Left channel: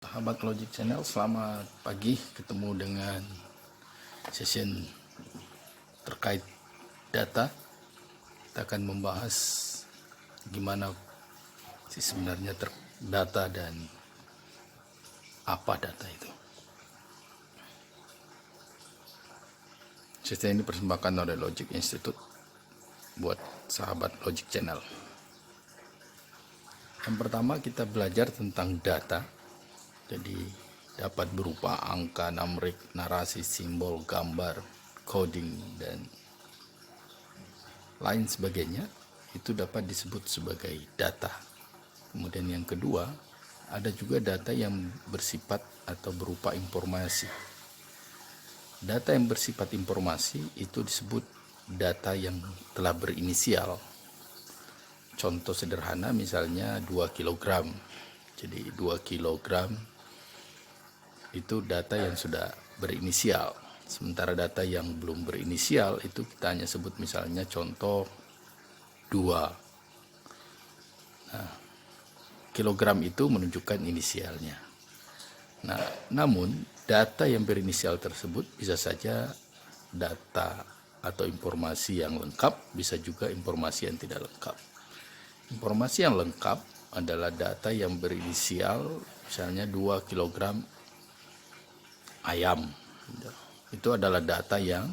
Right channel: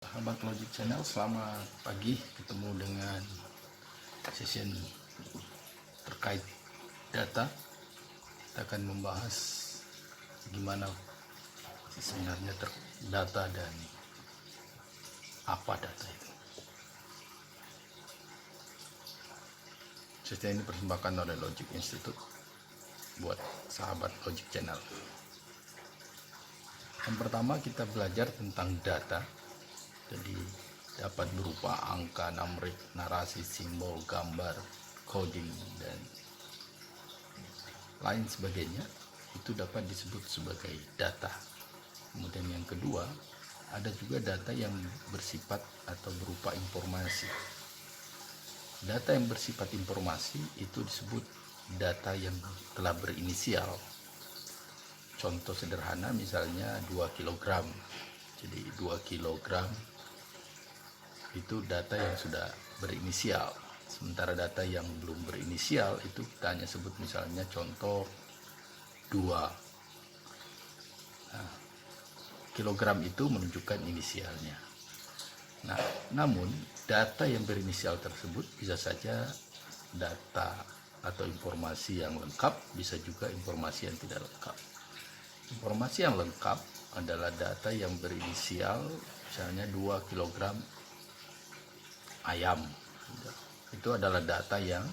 Sahabat Logic Channel, selamat pagi. Ketemu dengan session terkait data. Kita akan membahas gimana sih sebenarnya data dan apa data itu. Session ini dipersembahkan oleh Logic Institute buat sahabat Logic Channel. Yang pertama kita belajar tentang data. Jadi dapat berupa angka, numerik, narasi, simbol, gambar, coding, dan lain sebagainya. Itu dapat disebut sebagai data. Kemudian yang kedua, ada juga data yang bersifat atau berupa informasi. Data yang bersifat informasi itu disebut data yang telah berinisial. Contoh sederhana misalnya 2 kg. Jadi 2 kg itu data yang sudah berinisial. Sementara data yang belum berinisial itu kita hanya sebut misalnya contoh 2. Nah, kilogram itu menunjukkan inisialnya. Nah, namun data yang berinisial tersebut bisa saja data atau informasi yang lengkap, bisa juga informasi yang tidak lengkap. Informasi yang lengkap adalah data yang berinisial, misalnya 2 kg ayam. Itu adalah data yang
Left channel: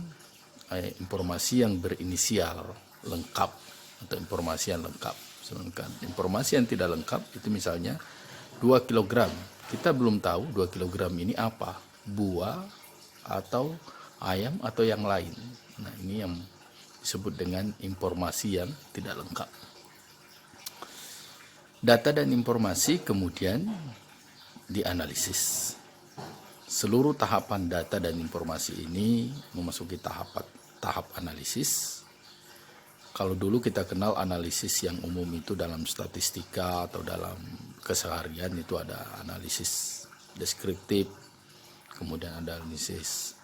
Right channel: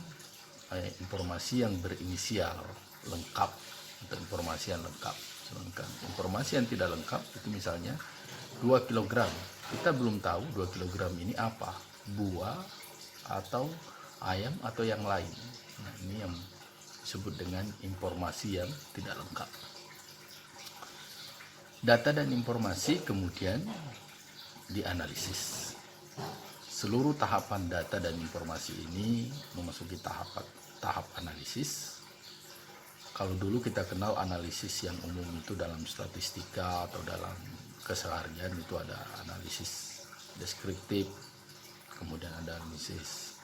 informasi yang berinisial lengkap atau informasi yang lengkap. Sedangkan informasi yang tidak lengkap itu misalnya 2 kg. Kita belum tahu 2 kg ini apa, buah atau ayam atau yang lain. Nah, ini yang disebut dengan informasi yang tidak lengkap. Data dan informasi kemudian dianalisis. Seluruh tahapan data dan informasi ini memasuki tahap analisis. Kalau dulu kita kenal analisis yang umum itu dalam statistika atau dalam keseharian itu ada analisis deskriptif, kemudian ada analisis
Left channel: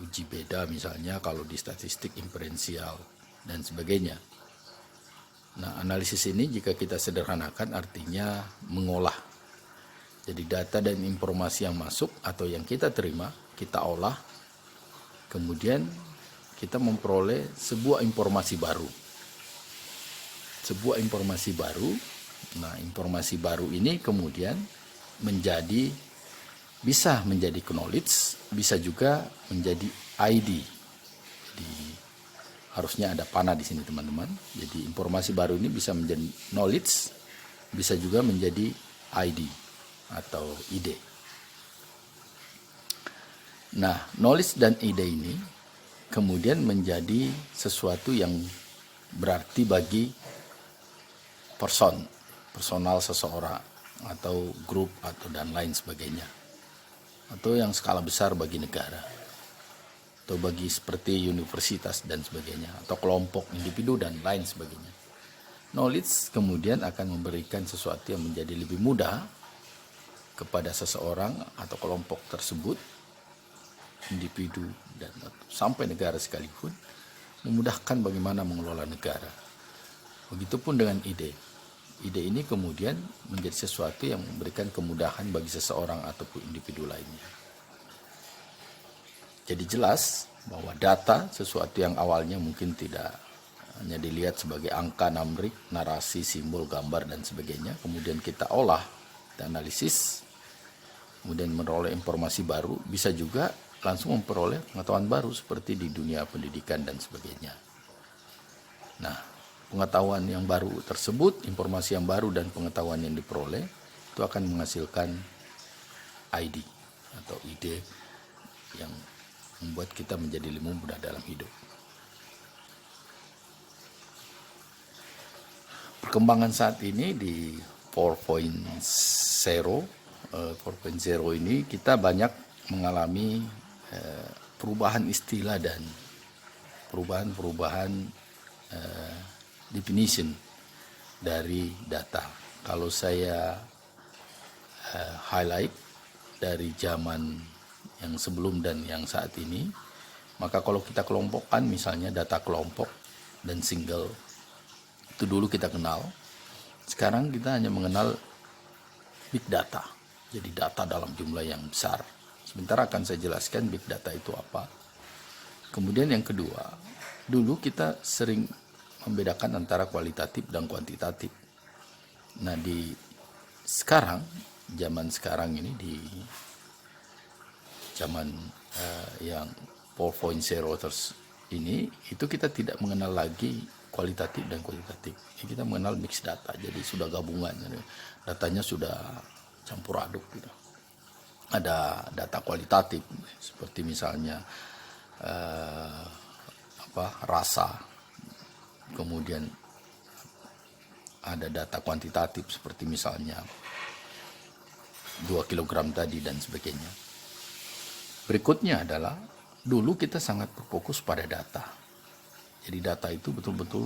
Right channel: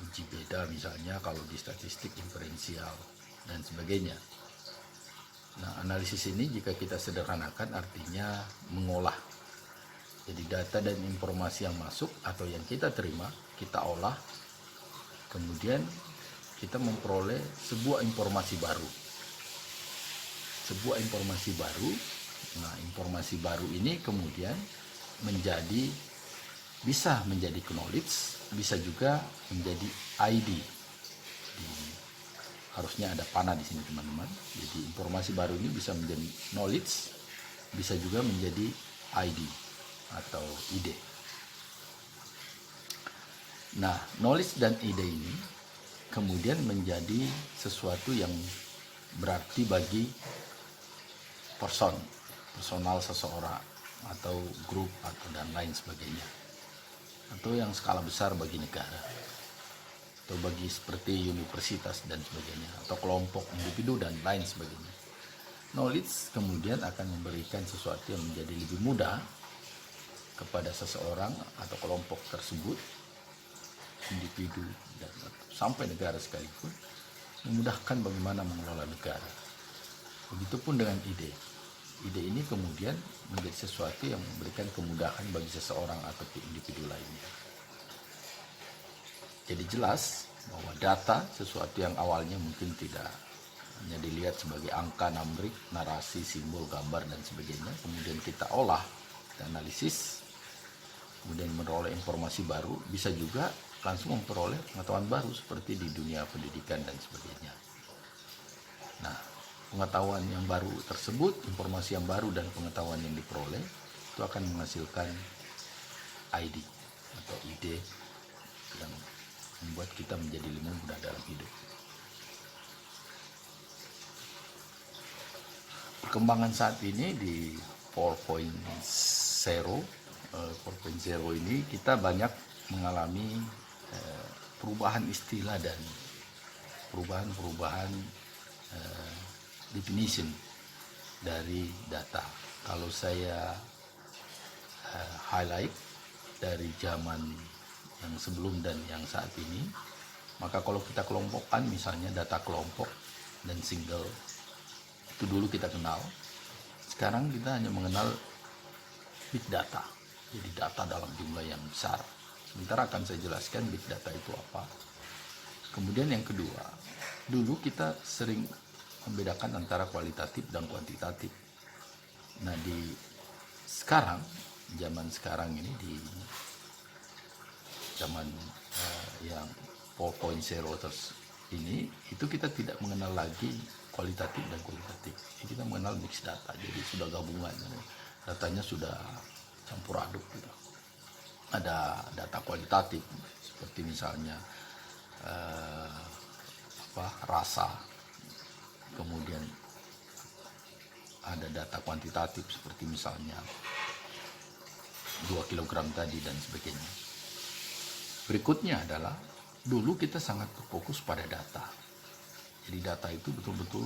uji beda misalnya kalau di statistik inferensial dan sebagainya. Nah, analisis ini jika kita sederhanakan artinya mengolah. Jadi data dan informasi yang masuk atau yang kita terima, kita olah, kemudian kita memperoleh sebuah informasi baru. Sebuah informasi baru, nah informasi baru ini kemudian bisa menjadi knowledge, bisa juga menjadi ID. Harusnya ada panah di sini teman-teman. Jadi informasi baru ini bisa menjadi knowledge, bisa juga menjadi ID atau ide. Nah, knowledge dan ide ini kemudian menjadi sesuatu yang berarti bagi personal seseorang atau grup atau dan lain sebagainya. Atau yang skala besar bagi negara. Atau bagi seperti universitas dan sebagainya, atau kelompok individu dan lain sebagainya. Knowledge kemudian akan memberikan sesuatu yang menjadi lebih mudah kepada seseorang atau kelompok tersebut, individu dan sampai negara sekalipun, memudahkan bagaimana mengelola negara. Begitupun dengan ide. Ide ini kemudian menjadi sesuatu yang memberikan kemudahan bagi seseorang ataupun individu lainnya. Jadi jelas bahwa data sesuatu yang awalnya mungkin tidak hanya dilihat sebagai angka, numerik, narasi, simbol, gambar dan sebagainya. Kemudian kita olah, kita analisis, kemudian memperoleh informasi baru, bisa juga langsung memperoleh pengetahuan baru seperti di dunia pendidikan dan sebagainya. Nah, pengetahuan yang baru tersebut, informasi yang baru dan pengetahuan yang diperoleh itu akan menghasilkan ID atau ide yang membuat kita menjadi lebih mudah dalam hidup. Perkembangan saat ini di 4.0 ini kita banyak mengalami perubahan istilah dan perubahan definition dari data. Kalau saya highlight dari zaman yang sebelum dan yang saat ini, maka kalau kita kelompokkan misalnya data kelompok dan single, itu dulu kita kenal. Sekarang kita hanya mengenal big data. Jadi data dalam jumlah yang besar. Sebentar akan saya jelaskan big data itu apa. Kemudian yang kedua, dulu kita sering membedakan antara kualitatif dan kuantitatif. Nah di sekarang, zaman sekarang ini, di zaman yang 4.0 terus ini, itu kita tidak mengenal lagi kualitatif dan kuantitatif. Kita mengenal mix data, jadi sudah gabungan, datanya sudah campur aduk gitu. Ada data kualitatif seperti misalnya rasa, kemudian ada data kuantitatif seperti misalnya 2 kg tadi dan sebagainya. Berikutnya adalah dulu kita sangat berfokus pada data. Jadi data itu betul-betul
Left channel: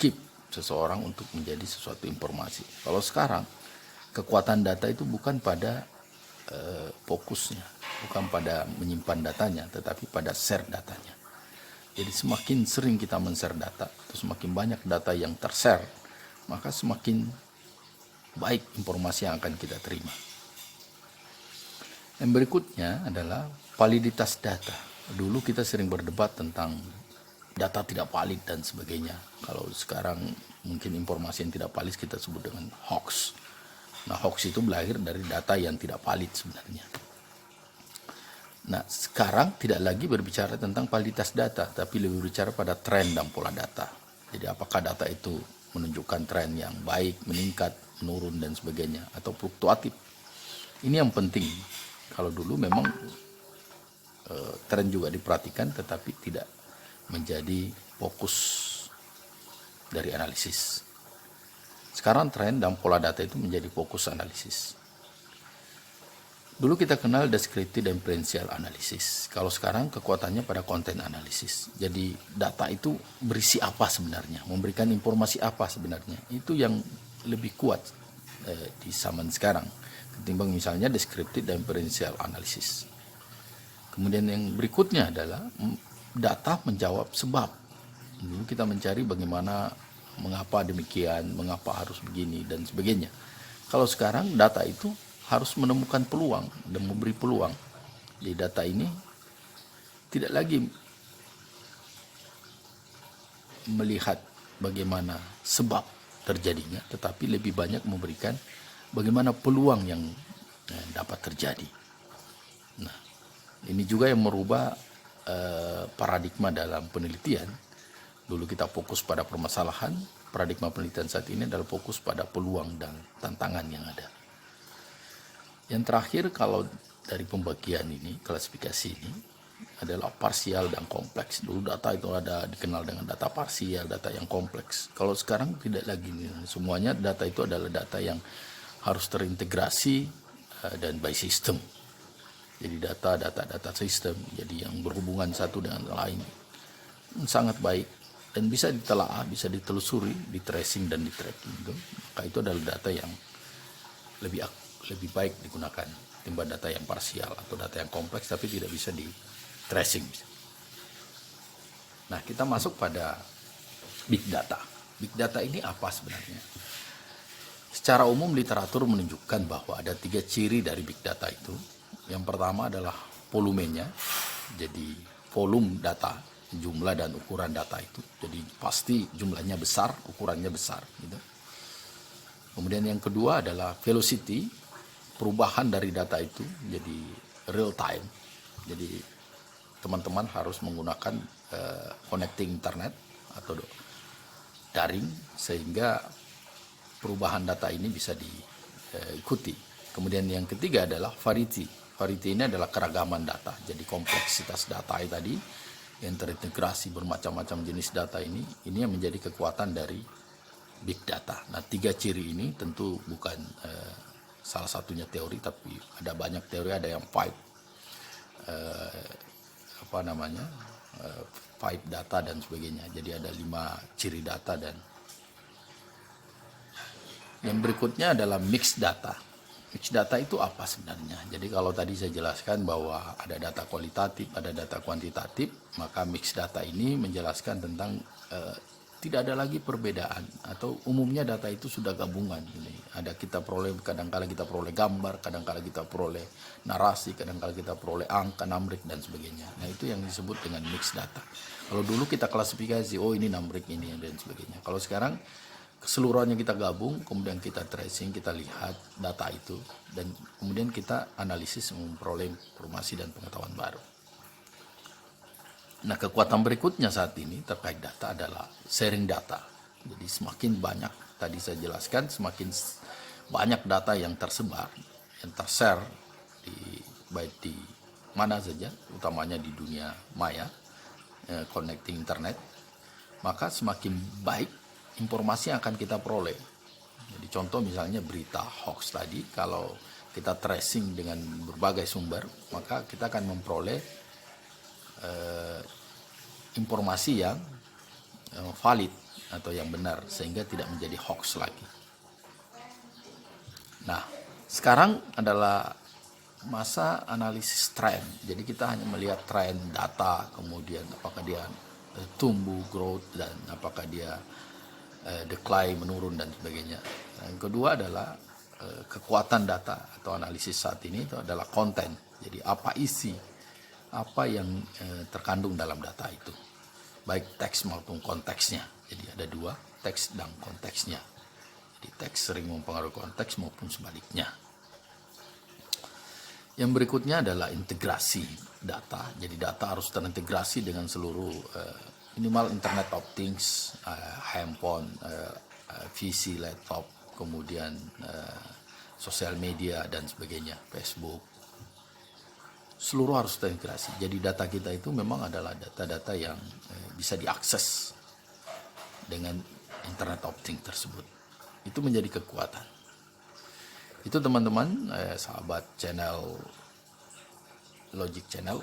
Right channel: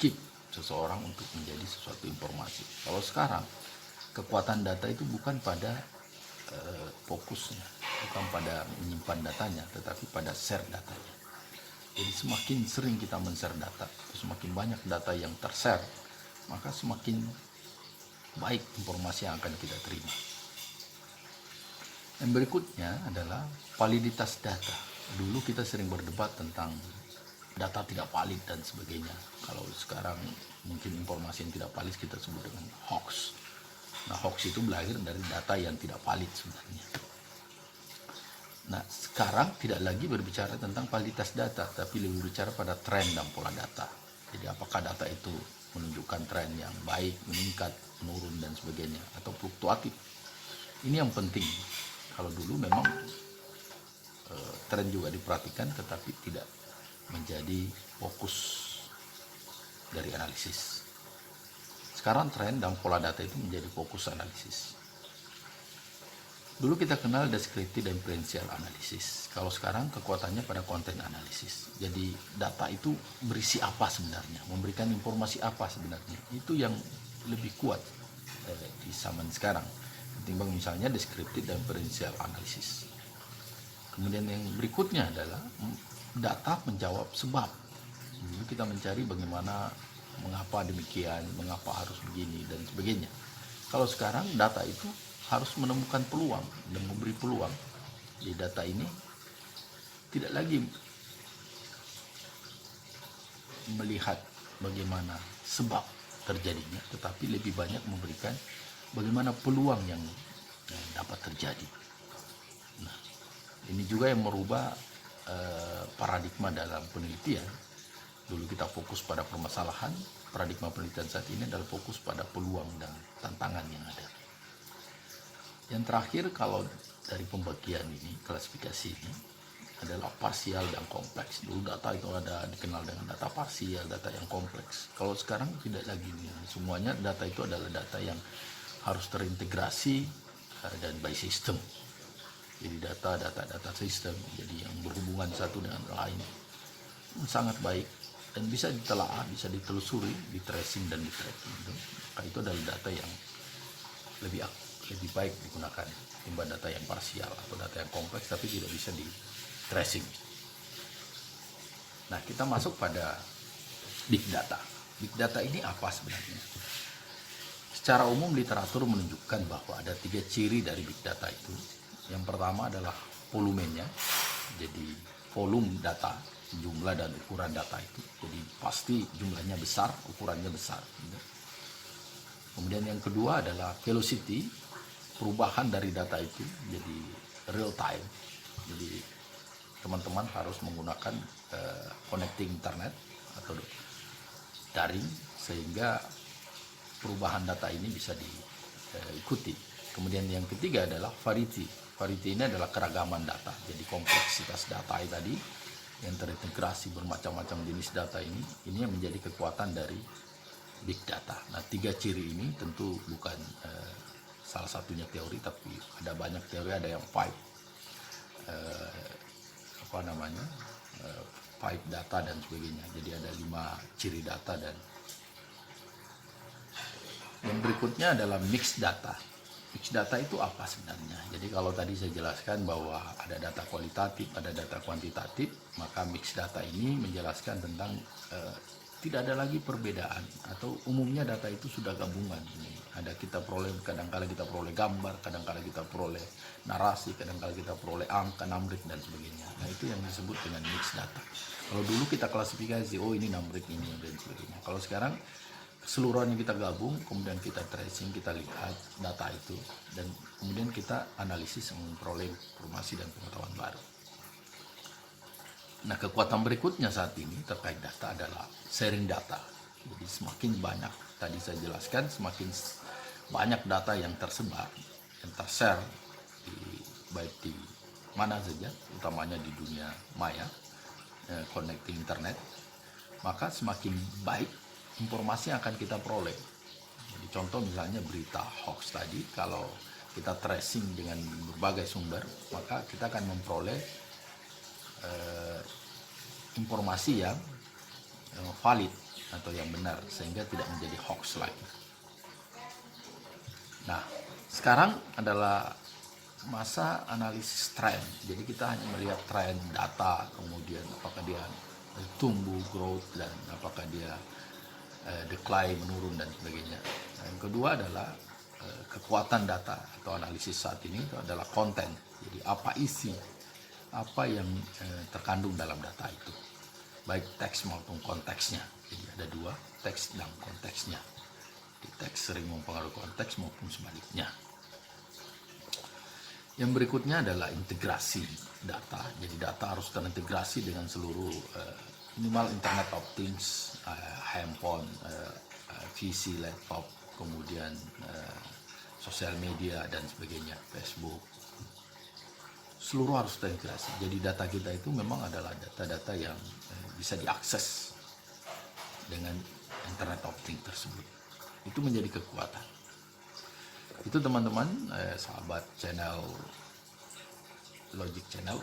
keep seseorang untuk menjadi sesuatu informasi. Kalau sekarang kekuatan data itu bukan pada fokusnya, bukan pada menyimpan datanya, tetapi pada share datanya. Jadi semakin sering kita men-share data, semakin banyak data yang ter-share, maka semakin baik informasi yang akan kita terima. Yang berikutnya adalah validitas data. Dulu kita sering berdebat tentang data tidak valid dan sebagainya. Kalau sekarang mungkin informasi yang tidak valid kita sebut dengan hoax. Nah, hoax itu lahir dari data yang tidak valid sebenarnya. Nah, sekarang tidak lagi berbicara tentang validitas data, tapi lebih berbicara pada tren dan pola data. Jadi apakah data itu menunjukkan tren yang baik, meningkat, menurun dan sebagainya, atau fluktuatif. Ini yang penting. Kalau dulu memang tren juga diperhatikan, tetapi tidak menjadi fokus dari analisis. Sekarang tren dan pola data itu menjadi fokus analisis. Dulu kita kenal deskriptif dan inferensial analisis. Kalau sekarang kekuatannya pada konten analisis. Jadi data itu berisi apa sebenarnya, memberikan informasi apa sebenarnya. Itu yang lebih kuat di zaman sekarang ketimbang misalnya deskriptif dan inferensial analisis. Kemudian yang berikutnya adalah data menjawab sebab. Dulu kita mencari bagaimana, mengapa demikian, mengapa harus begini dan sebagainya. Kalau sekarang data itu harus menemukan peluang dan memberi peluang. Di data ini tidak lagi melihat bagaimana sebab terjadinya, tetapi lebih banyak memberikan bagaimana peluang yang dapat terjadi. Nah, ini juga yang merubah paradigma dalam penelitian. Dulu kita fokus pada permasalahan, paradigma penelitian saat ini adalah fokus pada peluang dan tantangan yang ada. Yang terakhir, kalau dari pembagian ini, klasifikasi ini adalah parsial dan kompleks. Dulu data itu ada dikenal dengan data parsial, data yang kompleks. Kalau sekarang tidak lagi, semuanya data itu adalah data yang harus terintegrasi dan by system. Jadi data sistem, jadi yang berhubungan satu dengan lain, sangat baik dan bisa ditelaah, bisa ditelusuri, di tracing dan di tracking. Maka itu adalah data yang lebih baik digunakan timbang data yang parsial atau data yang kompleks tapi tidak bisa di tracing. Nah, kita masuk pada big data. Big data ini apa sebenarnya? Secara umum literatur menunjukkan bahwa ada 3 ciri dari big data itu. Yang pertama adalah volumenya, jadi volume data, jumlah dan ukuran data itu. Jadi pasti jumlahnya besar, ukurannya besar. Gitu. Kemudian yang kedua adalah velocity, perubahan dari data itu, jadi real time. Jadi teman-teman harus menggunakan connecting internet atau daring sehingga perubahan data ini bisa diikuti. Kemudian yang ketiga adalah variety. Variety ini adalah keragaman data. Jadi kompleksitas data tadi yang terintegrasi bermacam-macam jenis data ini yang menjadi kekuatan dari big data. Nah, 3 ciri ini tentu bukan salah satunya teori, tapi ada banyak teori, ada yang five data dan sebagainya. Jadi ada 5 ciri data. Dan yang berikutnya adalah mixed data. Mixed data itu apa sebenarnya? Jadi kalau tadi saya jelaskan bahwa ada data kualitatif, ada data kuantitatif, maka mixed data ini menjelaskan tentang tidak ada lagi perbedaan, atau umumnya data itu sudah gabungan. Ini ada kita peroleh, kadang-kala kita peroleh gambar, kadang-kala kita peroleh narasi, kadang-kala kita peroleh angka, numbrik dan sebagainya. Nah, itu yang disebut dengan mixed data. Kalau dulu kita klasifikasi, oh ini numbrik ini dan sebagainya. Kalau sekarang keseluruhannya kita gabung, kemudian kita tracing, kita lihat data itu, dan kemudian kita analisis memperoleh informasi dan pengetahuan baru. Nah, kekuatan berikutnya saat ini terkait data adalah sharing data. Jadi semakin banyak, tadi saya jelaskan, semakin banyak data yang tersebar, yang tershare, baik di mana saja, utamanya di dunia maya, connecting internet, maka semakin baik informasi yang akan kita peroleh. Jadi contoh misalnya berita hoax tadi, kalau kita tracing dengan berbagai sumber, maka kita akan memperoleh informasi yang valid atau yang benar, sehingga tidak menjadi hoax lagi. Nah, sekarang adalah masa analisis tren. Jadi kita hanya melihat tren data, kemudian apakah dia tumbuh, growth, dan apakah dia decline, menurun dan sebagainya. Yang kedua adalah kekuatan data atau analisis saat ini itu adalah konten. Jadi apa isi, apa yang terkandung dalam data itu, baik teks maupun konteksnya. Jadi ada dua, teks dan konteksnya. Jadi teks sering mempengaruhi konteks maupun sebaliknya. Yang berikutnya adalah integrasi data. Jadi data harus terintegrasi dengan seluruh minimal Internet of Things, handphone, PC, laptop, kemudian sosial media dan sebagainya, Facebook. Seluruh harus terintegrasi. Jadi data kita itu memang adalah data-data yang bisa diakses dengan Internet of Things tersebut. Itu menjadi kekuatan. Itu teman-teman, sahabat channel Logic Channel.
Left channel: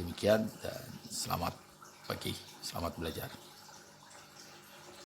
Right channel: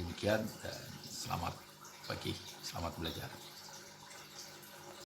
Demikian dan selamat pagi, selamat belajar.